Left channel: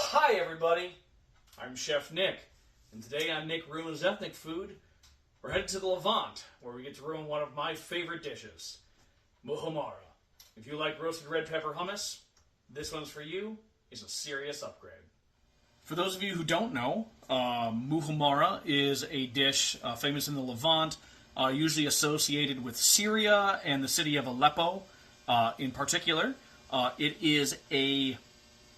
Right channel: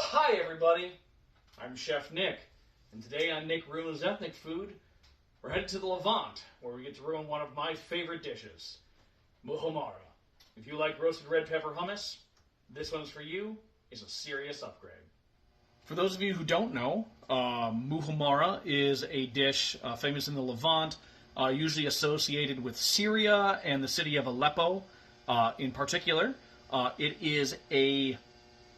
Hi everybody, I'm Chef Nick, and today on Nick Ruins Ethnic Food, we're headed to the Levant, where we get to ruin one of my favorite dishes, Muhammara. If you like roasted red pepper hummus, this one's for you. It's a serious upgrade. For those of you who don't know, Muhammara is a dish famous in the Levant, usually associated with Syria and the city of Aleppo in particular. It is a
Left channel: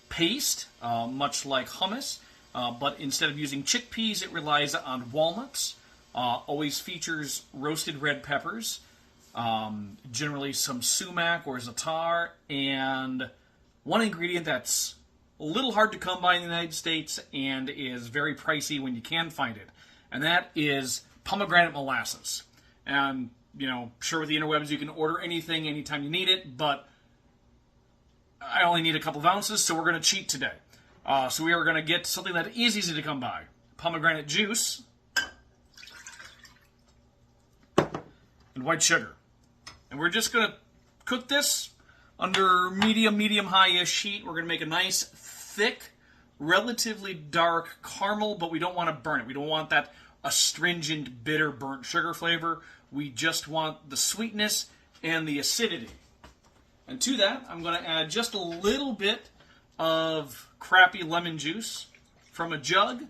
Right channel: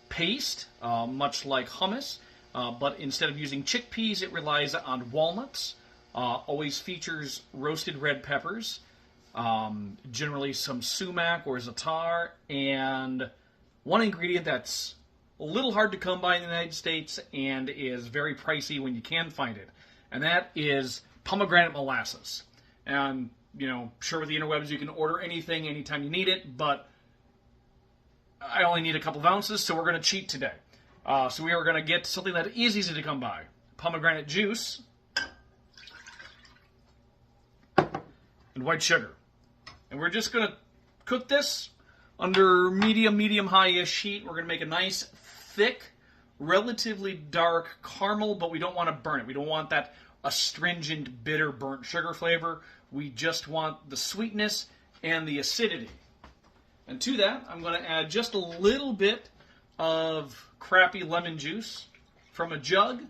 paste, much like hummus, but instead of using chickpeas, it relies on walnuts. Always features roasted red peppers, generally some sumac or za'atar, and one ingredient that's a little hard to come by in the United States and is very pricey when you can find it, and that is pomegranate molasses. And, you know, sure, with the interwebs you can order anything anytime you need it, but I only need a couple of ounces, so we're going to cheat today. So we are going to get something that is easy to come by. Pomegranate juice and white sugar. And we're just going to cook this under medium-high-ish heat. We're going to make a nice, thick, relatively dark caramel, but we don't want to burn it. We don't want that astringent, bitter, burnt sugar flavor. We just want the sweetness and the acidity. And to that, I'm going to add just a little bit of crappy lemon juice from a jug.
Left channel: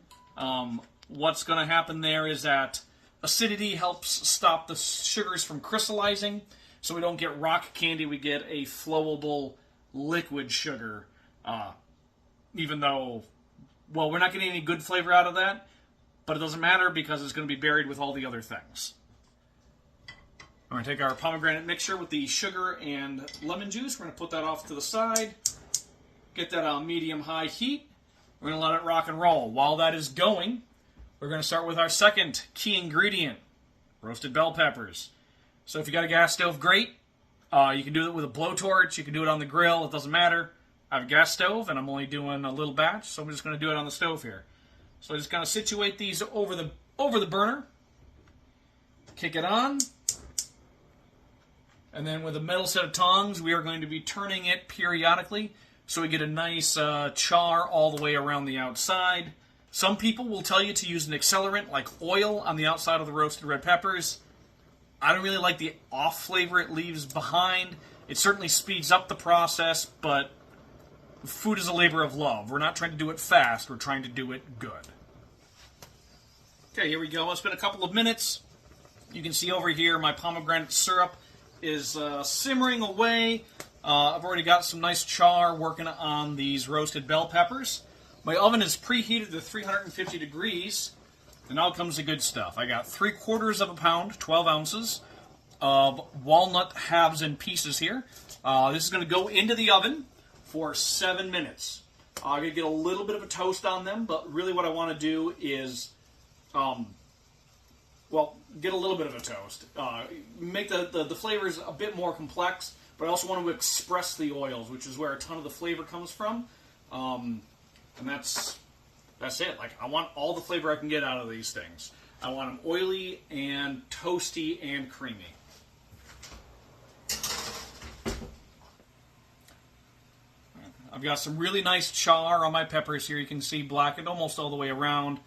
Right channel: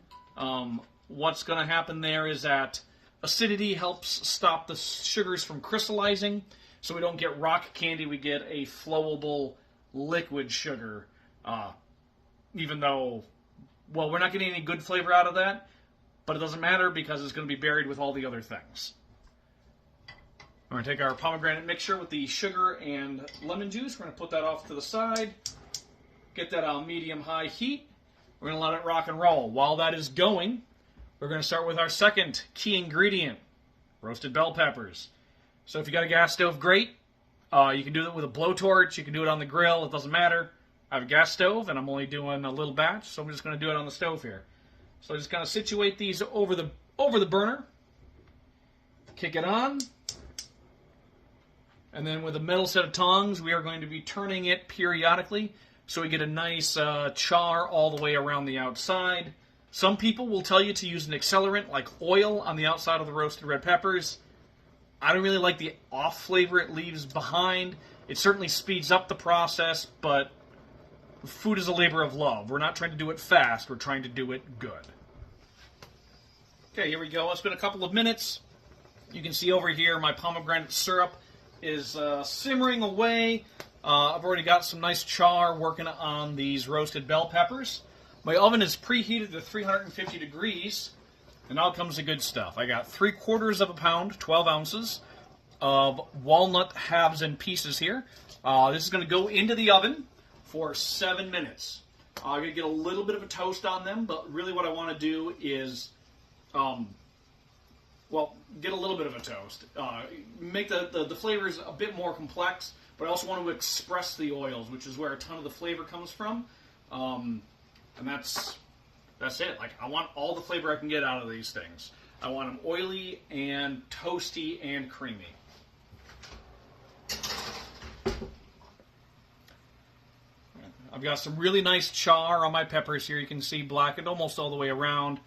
What's going to happen there is that acidity helps stop the sugars from crystallizing, so we don't get rock candy. We get a flowable liquid sugar, even though, well, we're not getting any good flavor out of that, but it doesn't matter because it's going to be buried with all the other things. We're going to take our pomegranate mixture with the sugar and lemon juice. We're going to put that off to the side. Get that on medium-high heat. We're going to let it rock and roll. While that is going, we're going to start with our second key ingredient, roasted bell peppers. So if you got a gas stove, great. You can do it with a blowtorch. You can do it on the grill. It doesn't matter. I have a gas stove, and I'm only doing a little batch, so I'm just going to do it on the stove here. So just kind of situate these over the burner. Kick it on. And then with a metal set of tongs, we are going to be turning it periodically so we get a nice char all the way around the outside. Some people will tell you to use an accelerant like oil on the outside of the roasted red peppers. I don't really like the off flavor it leaves behind. It certainly speeds up the process, but food is a labor of love. We're not trying to do it fast. We're trying to do it good. Okay, here we go. It's been a couple of minutes. You can see over here my pomegranate syrup is simmering away. I've already got some nice char working on these roasted bell peppers. My oven is preheated to 350 degrees, and now comes the good stuff. I got 3/4 of a pound, 12 ounces, of walnut halves and pieces here. This is going to go into the oven for 7 minutes. I'm going to get a little bit of a toast on them, but really what I want to do is get a little bit of a toast. Make the flavors a bit more complex, but I also want to express the oils, which is where a ton of the flavor comes from. And that's it. Like, I want all the flavor I can get out of these things. I want them oily and toasty and creamy. I've got some really nice char on my peppers here. You can see blackened almost all the way around.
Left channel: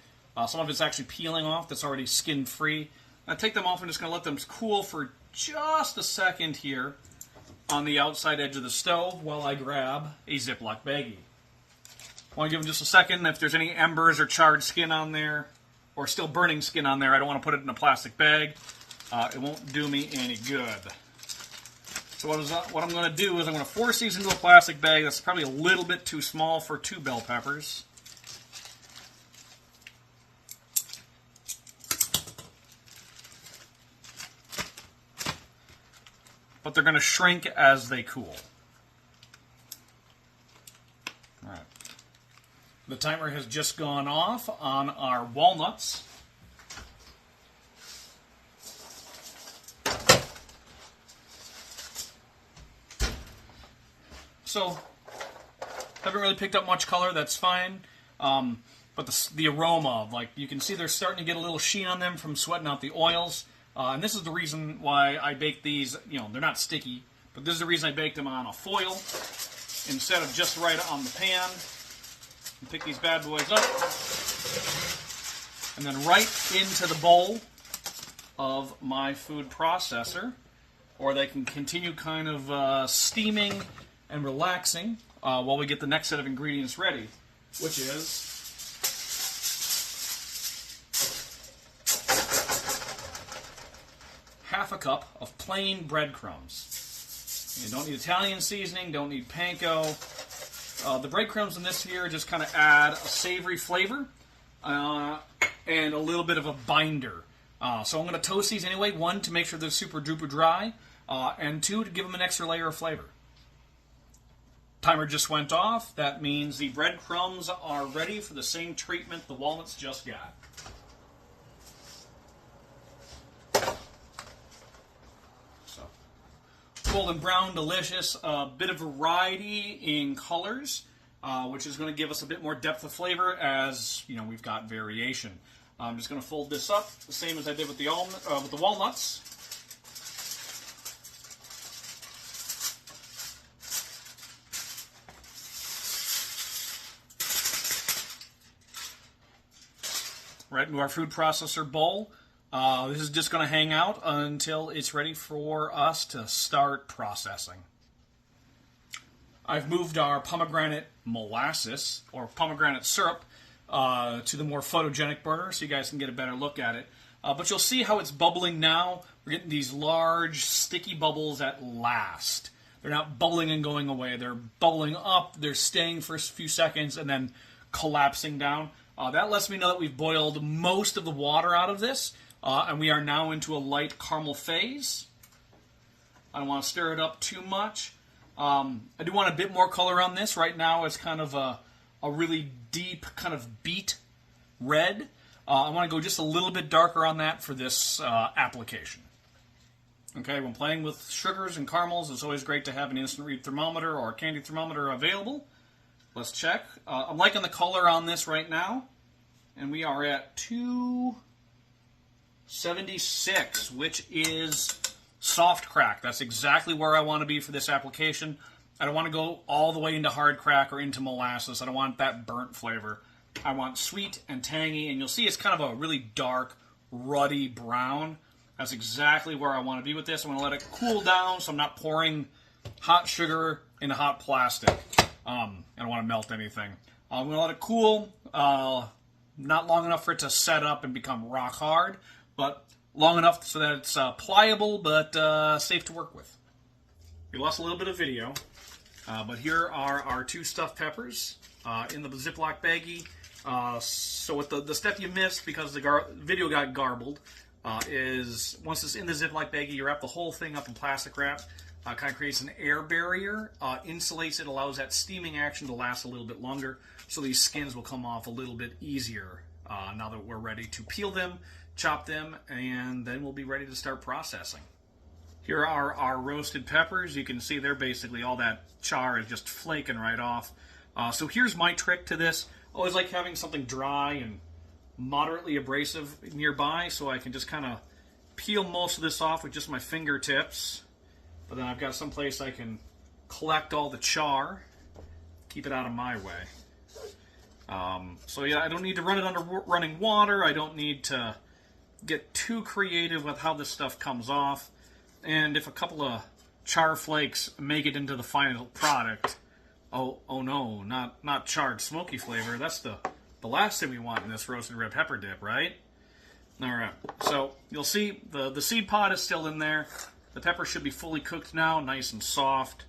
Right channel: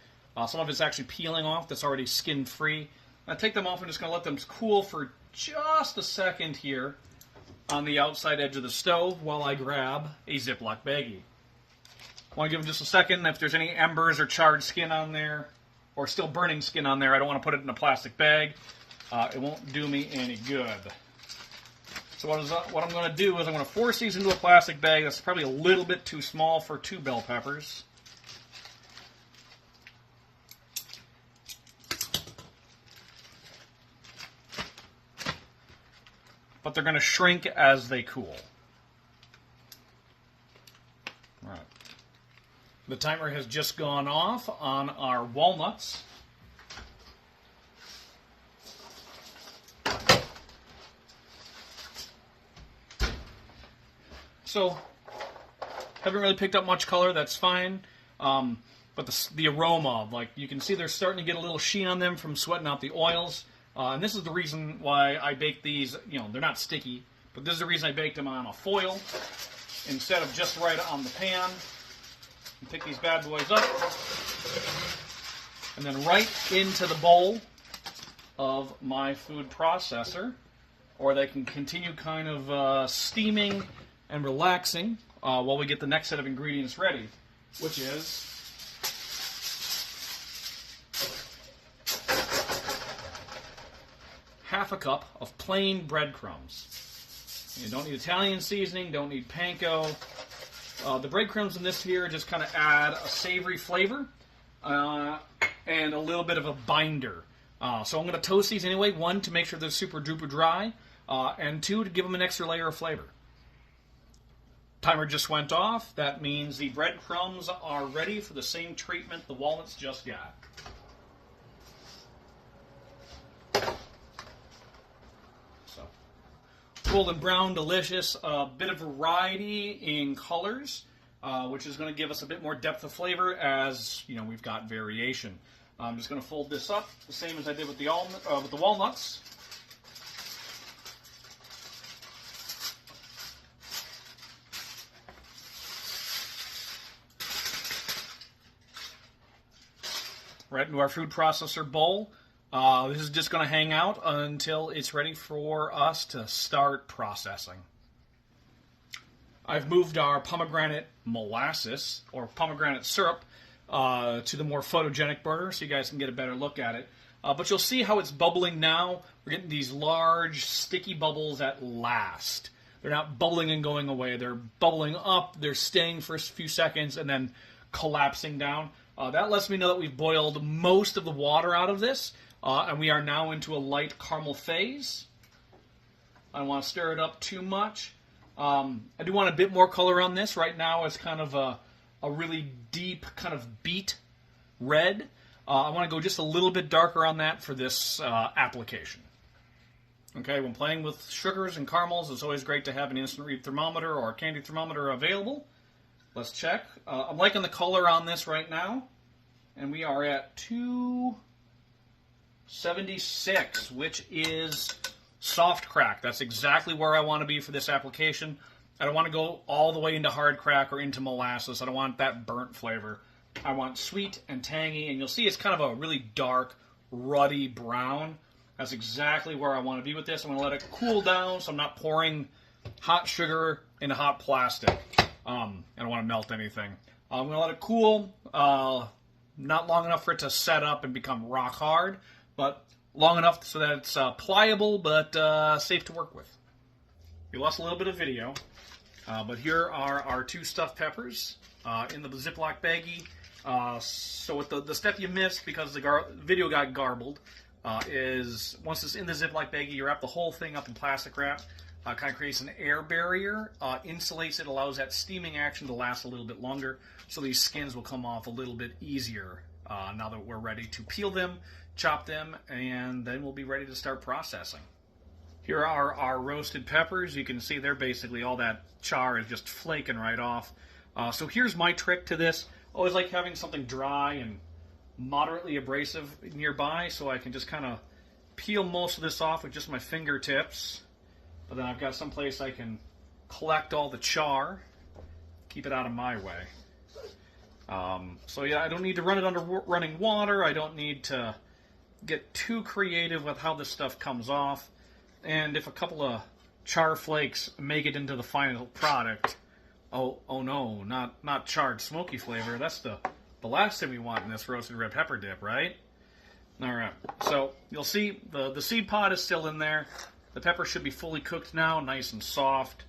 Some of it's actually peeling off. That's already skin-free. I take them off and just going to let them cool for just a second here on the outside edge of the stove while I grab a Ziploc baggie. I want to give them just a second. If there's any embers or charred skin on there, or still burning skin on there, I don't want to put it in a plastic bag. It won't do me any good. So what I'm going to do is I'm going to force these into a plastic bag. That's probably a little bit too small for 2 bell peppers. But they're going to shrink as they cool. All right. The timer has just gone off on our walnuts. So, haven't really picked up much color, that's fine. But the aroma, like, you can see they're starting to get a little sheen on them from sweating out the oils. And this is the reason why I bake these, they're not sticky, but this is the reason I bake them on a foil instead of just right on the pan. Pick these bad boys up, and then right into the bowl of my food processor, or they can continue kind of steaming and relaxing while we get the next set of ingredients ready, which is half a cup of plain breadcrumbs. You don't need Italian seasoning, don't need panko. The breadcrumbs in this here just kind of add a savory flavor and a little bit of a binder. So I'm going to toast these anyway, one, to make sure they're super duper dry, and two, to give them an extra layer of flavor. Timer just went off. That means the breadcrumbs are ready for the same treatment the walnuts just got. Golden brown, delicious, a bit of variety in colors, which is going to give us a bit more depth of flavor as, you know, we've got variation. I'm just going to fold this up the same as I did with the walnuts. Right into our food processor bowl. This is just going to hang out until it's ready for us to start processing. I've moved our pomegranate molasses, or pomegranate syrup, to the more photogenic burner so you guys can get a better look at it. But you'll see how it's bubbling now. We're getting these large, sticky bubbles at last. They're not bubbling and going away. They're bubbling up, they're staying for a few seconds, and then collapsing down. That lets me know that we've boiled most of the water out of this. And we are now into a light caramel phase. I don't want to stir it up too much. I do want a bit more color on this. Right now it's kind of a really deep kind of beet red. I want to go just a little bit darker on that for this application. Okay, when playing with sugars and caramels, it's always great to have an instant read thermometer or a candy thermometer available. Let's check. I'm liking the color on this right now. And we are at 276, which is soft crack. That's exactly where I want to be for this application. I don't want to go all the way into hard crack or into molasses. I don't want that burnt flavor. I want sweet and tangy, and you'll see it's kind of a really dark, ruddy brown. That's exactly where I want to be with this. I'm going to let it cool down so I'm not pouring hot sugar into hot plastic. I don't want to melt anything. I'm going to let it cool, not long enough for it to set up and become rock hard, but long enough so that it's pliable but safe to work with. You lost a little bit of video, but here are our two stuffed peppers in the Ziploc baggie. So with the step you missed because the video got garbled is once it's in the Ziploc baggie, you wrap the whole thing up in plastic wrap. Kind of creates an air barrier, insulates it, allows that steaming action to last a little bit longer, so these skins will come off a little bit easier now that we're ready to peel them, chop them, and then we'll be ready to start processing. Here are our roasted peppers. You can see they're basically all that char is just flaking right off. So here's my trick to this. I always like having something dry and moderately abrasive nearby so I can just kind of peel most of this off with just my fingertips. But then I've got some place I can collect all the char, keep it out of my way. So yeah, I don't need to run it under running water. I don't need to get too creative with how this stuff comes off. And if a couple of char flakes make it into the final product, oh no, not charred smoky flavor. That's the last thing we want in this roasted red pepper dip, right? All right, so you'll see the seed pod is still in there. The pepper should be fully cooked now, nice and soft.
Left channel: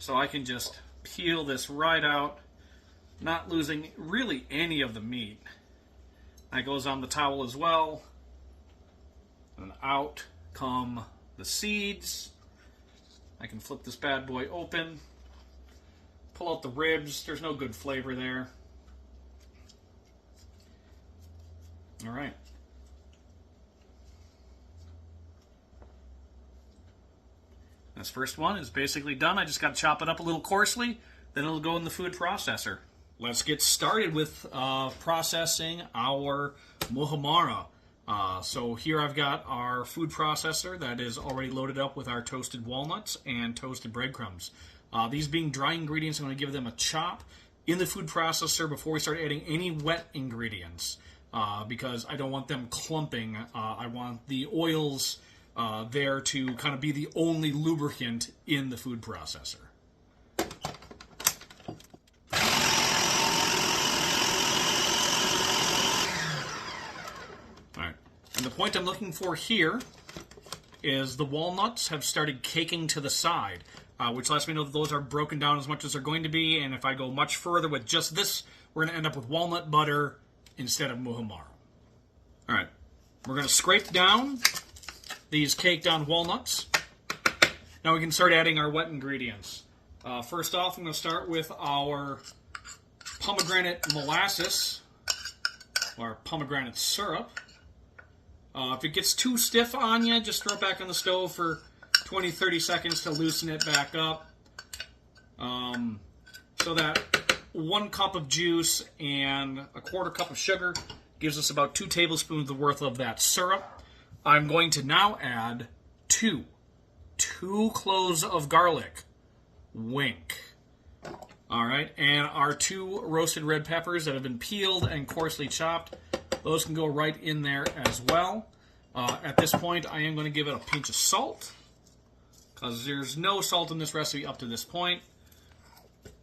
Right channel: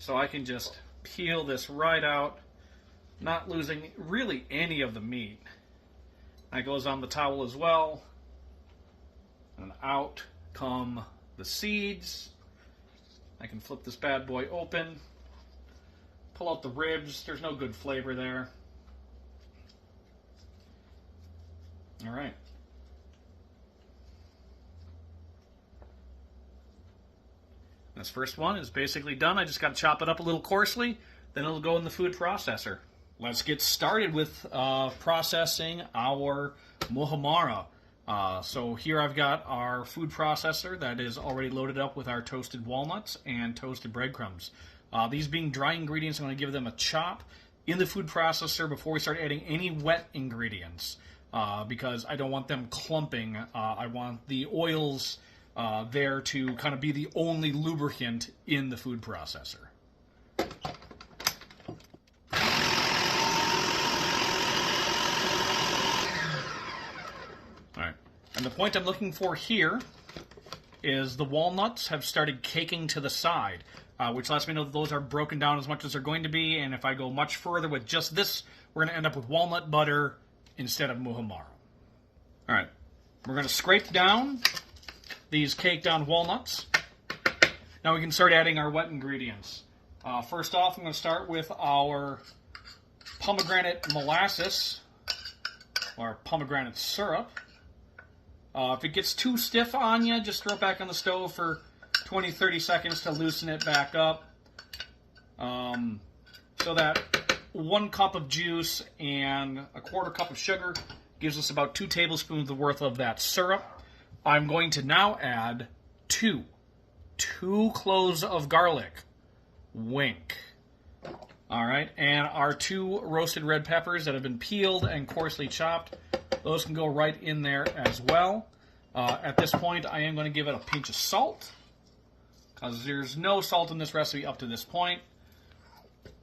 So I can just peel this right out, not losing really any of the meat. That goes on the towel as well. And out come the seeds. I can flip this bad boy open, pull out the ribs. There's no good flavor there. All right. This first one is basically done. I just got to chop it up a little coarsely, then it'll go in the food processor. Let's get started with processing our Muhammara. So here I've got our food processor that is already loaded up with our toasted walnuts and toasted breadcrumbs. These being dry ingredients, I'm going to give them a chop in the food processor before we start adding any wet ingredients, because I don't want them clumping. I want the oils there to kind of be the only lubricant in the food processor. All right, and the point I'm looking for here is the walnuts have started caking to the side, which lets me know that those are broken down as much as they're going to be, and if I go much further with just this, we're going to end up with walnut butter instead of muhammara. All right, we're going to scrape down these caked on walnuts. Now we can start adding our wet ingredients. First off, I'm going to start with our pomegranate molasses, or pomegranate syrup. If it gets too stiff on you, just throw it back on the stove for 20-30 seconds to loosen it back up. So that 1 cup of juice and a 1/4 cup of sugar gives us about 2 tablespoons worth of that syrup. I'm going to now add 2 cloves of garlic. Wink. All right, and our 2 roasted red peppers that have been peeled and coarsely chopped. Those can go right in there as well. At this point, I am going to give it a pinch of salt, because there's no salt in this recipe up to this point.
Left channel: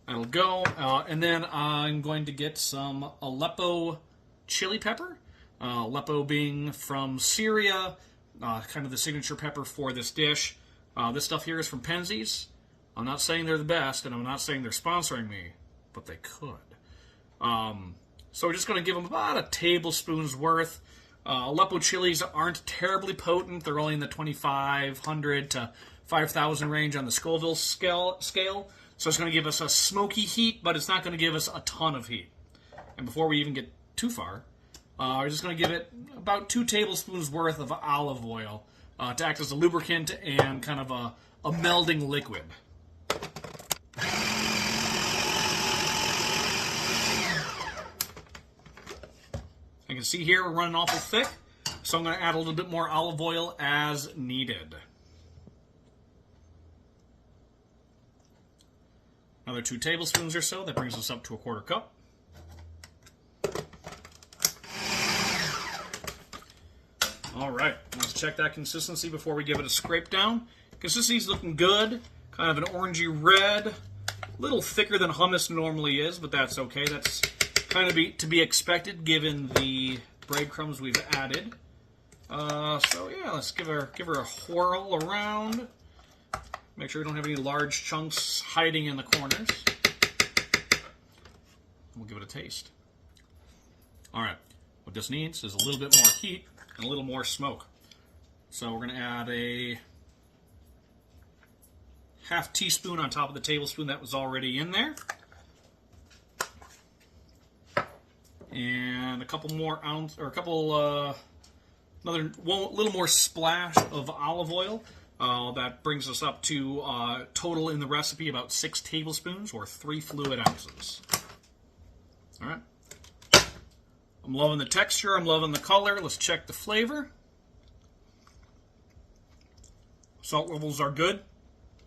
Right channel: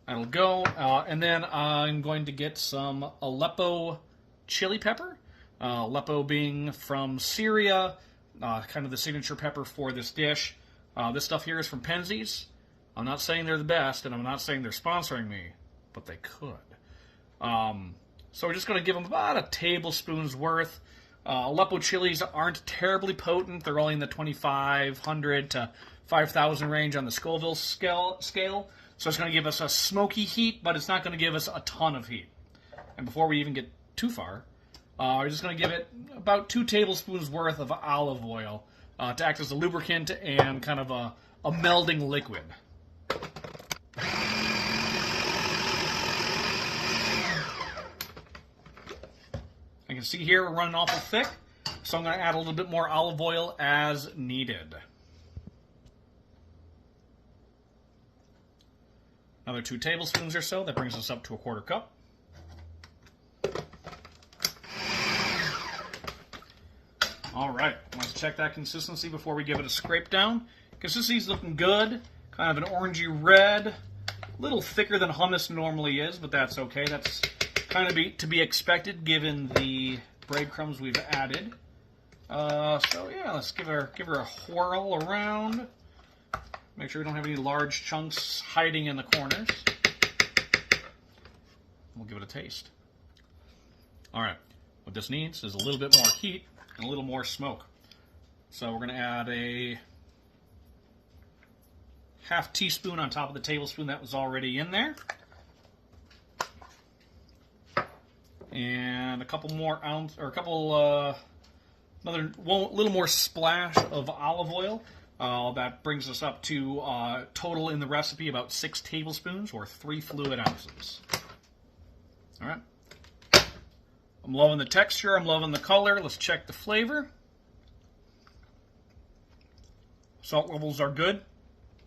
That'll go. And then I'm going to get some Aleppo chili pepper. Aleppo being from Syria, kind of the signature pepper for this dish. This stuff here is from Penzeys. I'm not saying they're the best, and I'm not saying they're sponsoring me, but they could. So we're just going to give them about a tablespoon's worth. Aleppo chilies aren't terribly potent. They're only in the 2,500 to 5,000 range on the Scoville scale. So it's going to give us a smoky heat, but it's not going to give us a ton of heat. And before we even get too far, we're just going to give it about 2 tablespoons worth of olive oil to act as a lubricant and kind of a melding liquid. You can see here we're running awful thick, so I'm going to add a little bit more olive oil as needed. Another 2 tablespoons or so. That brings us up to a 1/4 cup. All right, let's check that consistency before we give it a scrape down. Consistency's looking good. Kind of an orangey red. A little thicker than hummus normally is, but that's okay. That's kind of to be expected given the breadcrumbs we've added. So yeah, let's give her a whirl around. Make sure we don't have any large chunks hiding in the corners. We'll give it a taste. All right, what this needs is a little bit more heat and a little more smoke. So we're going to add a ½ teaspoon on top of the tablespoon that was already in there. And a couple more another little more splash of olive oil. That brings us up to total in the recipe about 6 tablespoons or 3 fluid ounces. All right. I'm loving the texture. I'm loving the color. Let's check the flavor. Salt levels are good.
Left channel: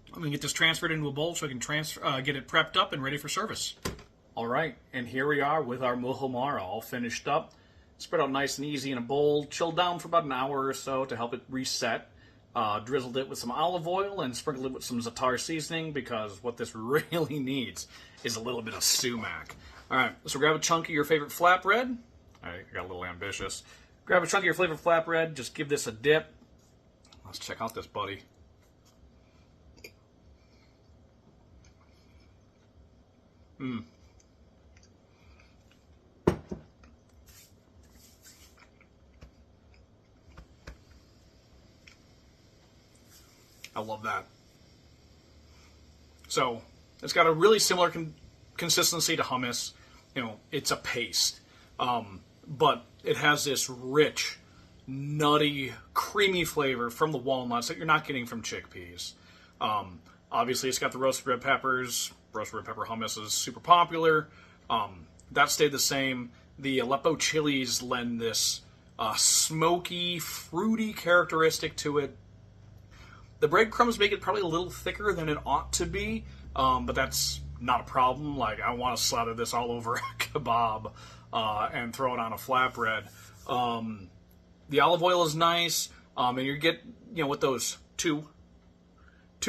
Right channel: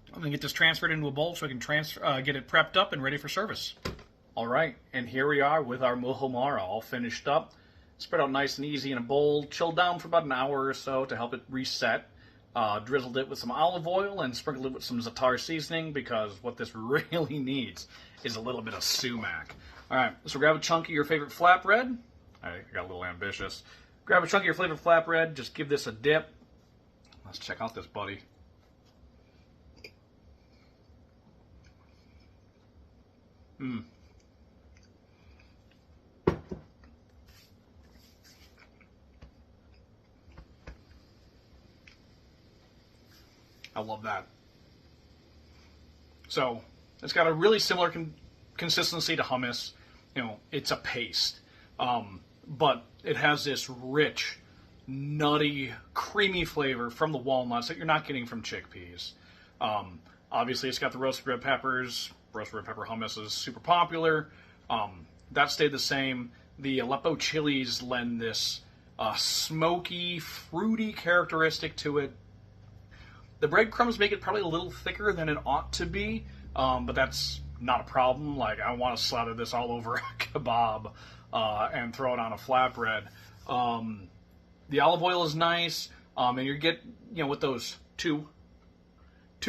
I'm going to get this transferred into a bowl so I can get it prepped up and ready for service. All right, and here we are with our muhammara all finished up. Spread out nice and easy in a bowl. Chilled down for about an hour or so to help it reset. Drizzled it with some olive oil and sprinkled it with some za'atar seasoning, because what this really needs is a little bit of sumac. All right, so grab a chunk of your favorite flatbread. I got a little ambitious. Grab a chunk of your favorite flatbread. Just give this a dip. Let's check out this buddy. I love that. So it's got a really similar consistency to hummus. You know, it's a paste, but it has this rich, nutty, creamy flavor from the walnuts that you're not getting from chickpeas. Obviously, it's got the roasted red peppers. Roasted red pepper hummus is super popular. That stayed the same. The Aleppo chilies lend this smoky, fruity characteristic to it. The breadcrumbs make it probably a little thicker than it ought to be, but that's not a problem. Like, I want to slather this all over a kebab and throw it on a flatbread. The olive oil is nice, and you get, with those two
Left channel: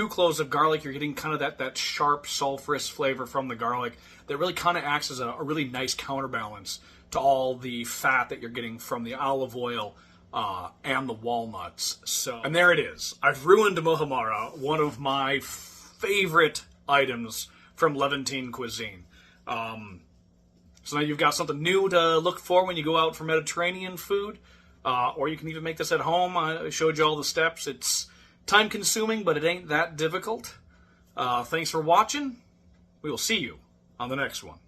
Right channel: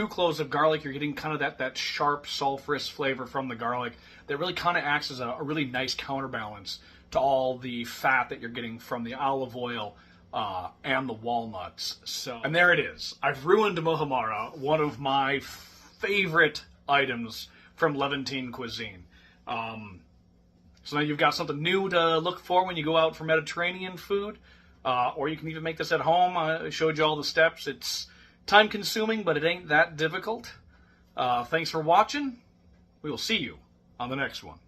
cloves of garlic, you're getting kind of that sharp, sulfurous flavor from the garlic that really kind of acts as a really nice counterbalance to all the fat that you're getting from the olive oil and the walnuts. And there it is. I've ruined Muhammara, one of my favorite items from Levantine cuisine. So now you've got something new to look for when you go out for Mediterranean food, or you can even make this at home. I showed you all the steps. It's time consuming, but it ain't that difficult. Thanks for watching. We will see you on the next one.